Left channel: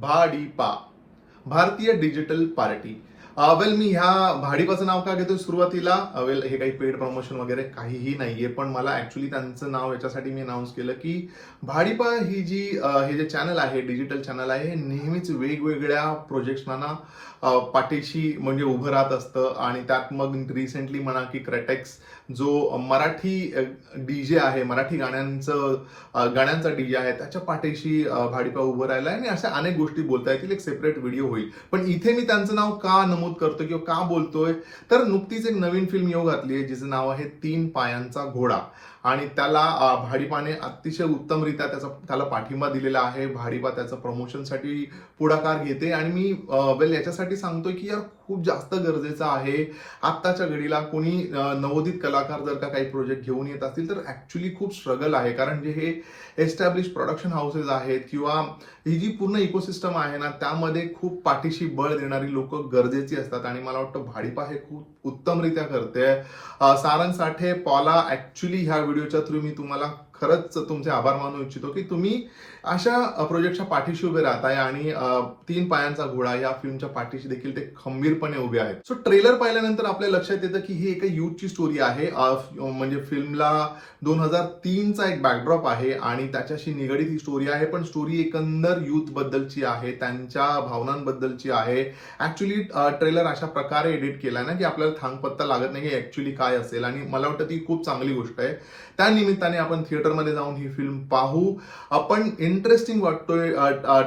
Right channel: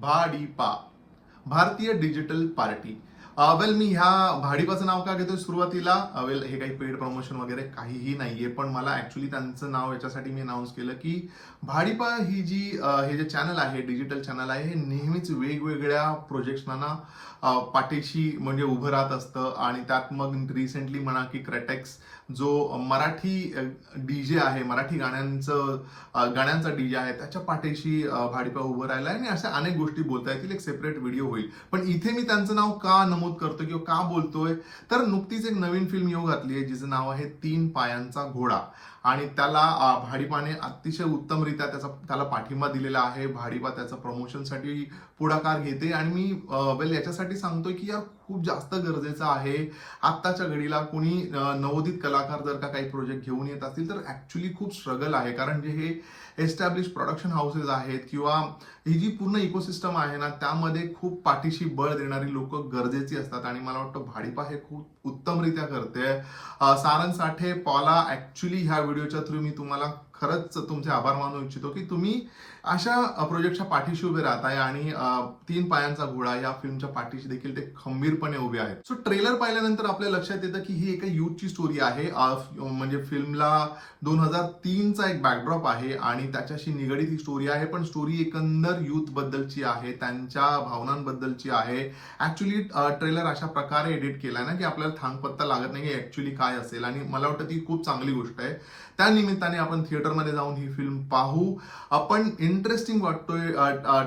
भाडीपा भारतीय digital party वेल मी ह्या भाडीपाचं नाव का घेतोय सुरुवातीला? वेल हे काही पेड प्रमोशन वगैरे काहीही नाहीये पण मला ऍक्च्युली त्यांचं नाव याच्यासाठी मी अनाऊन्स केलं की भाडीपा ही जी हे जे चॅनल आहे डिजिटल चॅनल आहे हे नेहमीच वेगवेगळ्या प्रोजेक्ट्सना पाठीशी म्हणजे उभं राहत असतं. आणि त्यात मग रिसेंटली म्हणा की क्रेटेक्स जो मराठी डीजे आहे मराठी गाण्यांचं गाण्यांचा डी डीजे आहे त्याच्या पाठीशी भाडीपा उभं राहिला आणि अशा अनेक गोष्टी बोलता येतील एक सेपरेट व्हिडिओ होईल. पण इथे मी त्यांचं नाव का नमूद करतोय किंवा का बोलतोय? तर नुकतीच एक नवीन फिल्म येऊ घातली आहे जिचं नाव आहे तीन पायांचा घोडा. आणि त्याला भाडीपाने अतिशय उत्तमरित्या त्याचा त्याला पाठिंबा दिलेला आहे. भाडीपा त्याचं प्रमोशनसाठी पुढाकार घेते. आणि मी वेल याच्यासाठी सांगतोय की यार खूप जास्त गरजेचं आहे. आत्ताच्या घडीला कोणी नवोदित कलाकार जर का काही प्रोजेक्ट घेऊन येत असतील तर ॲक्च्युली खूप स्ट्रगल आहे. कारण जे हे एस्टॅब्लिश प्रोडक्शन हाऊसेस आहेत किंवा ही जी पूर्ण इकोसिस्टम आहे ना त्यामध्ये खूप पाठीशी बळ देणारी लोक गरजेची असतात. आणि मला वाटतं भाडीपा हे खूप उत्तमरित्या करते. सारंग साठे पॉला ॲक्च्युली ह्या व्हिडिओच्या थ्रू मी तुम्हाला खरंच तुमचे आभार मानू इच्छितो की तुम्ही अशा प्रोजेक्टच्या पाठीशी उभे राहताय आणि तीन पायांचा घोडा या फिल्मच्या पाठीशी देखील ते खंबीरपणे उभे आहेत. सो ट्रेलर पाहिल्यानंतर आपल्या लक्षात येतं की ही एका युथची स्टोरी आहे. म्हणजे फिल्मला दोन हजार तीनचा एक बॅकड्रॉप आहे आणि त्याच्याशी निगडीत ही स्टोरी आहे. पण स्टोरी एकंदर युथ बद्दलची आहे त्यांच्या भावनांबद्दलची आहे. ऍक्च्युली ट्रेलर अशा प्रकारे एडिट केला ना की आपल्याला थांगपत्ता लागत नाही की ऍक्च्युली काय असेल. आणि मला वाटतं ती खूप चांगली गोष्ट आहे. त्या निमित्ताने आपण थिएटरमध्ये जाऊन ही फिल्म पाहू. आपण इंटरेस्टिंग वाटतोय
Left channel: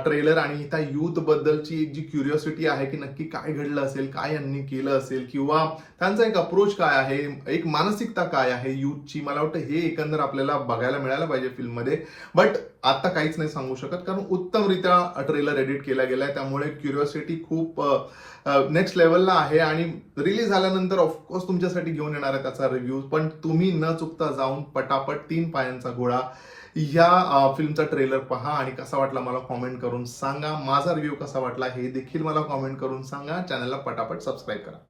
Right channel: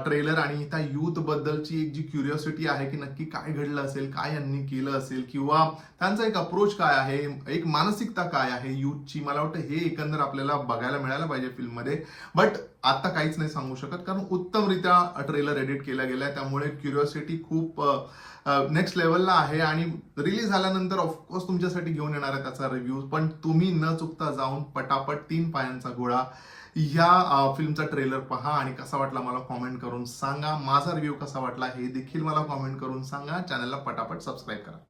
ट्रेलर आणि त्या युथ बद्दलची एक जी क्युरिओसिटी आहे की नक्की काय घडलं असेल काय यांनी केलं असेल किंवा त्यांचा एक अप्रोच काय आहे एक मानसिकता काय आहे युथची मला वाटतं हे एकंदर आपल्याला बघायला मिळायला पाहिजे फिल्ममध्ये. बट आता काहीच नाही सांगू शकत कारण उत्तमरित्या ट्रेलर एडिट केला गेलाय त्यामुळे क्युरिओसिटी खूप नेक्स्ट लेवलला आहे आणि रिलीज झाल्यानंतर ऑफकोर्स तुमच्यासाठी घेऊन येणार आहे त्याचा रिव्ह्यू पण तुम्ही न चुकता जाऊन पटापट तीन पायांचा गोळा. या फिल्मचा ट्रेलर पहा आणि कसा वाटला मला कॉमेंट करून सांगा. माझा रिव्ह्यू कसा वाटला हे देखील मला कॉमेंट करून सांगा. चॅनलला पटापट सबस्क्राईब करा.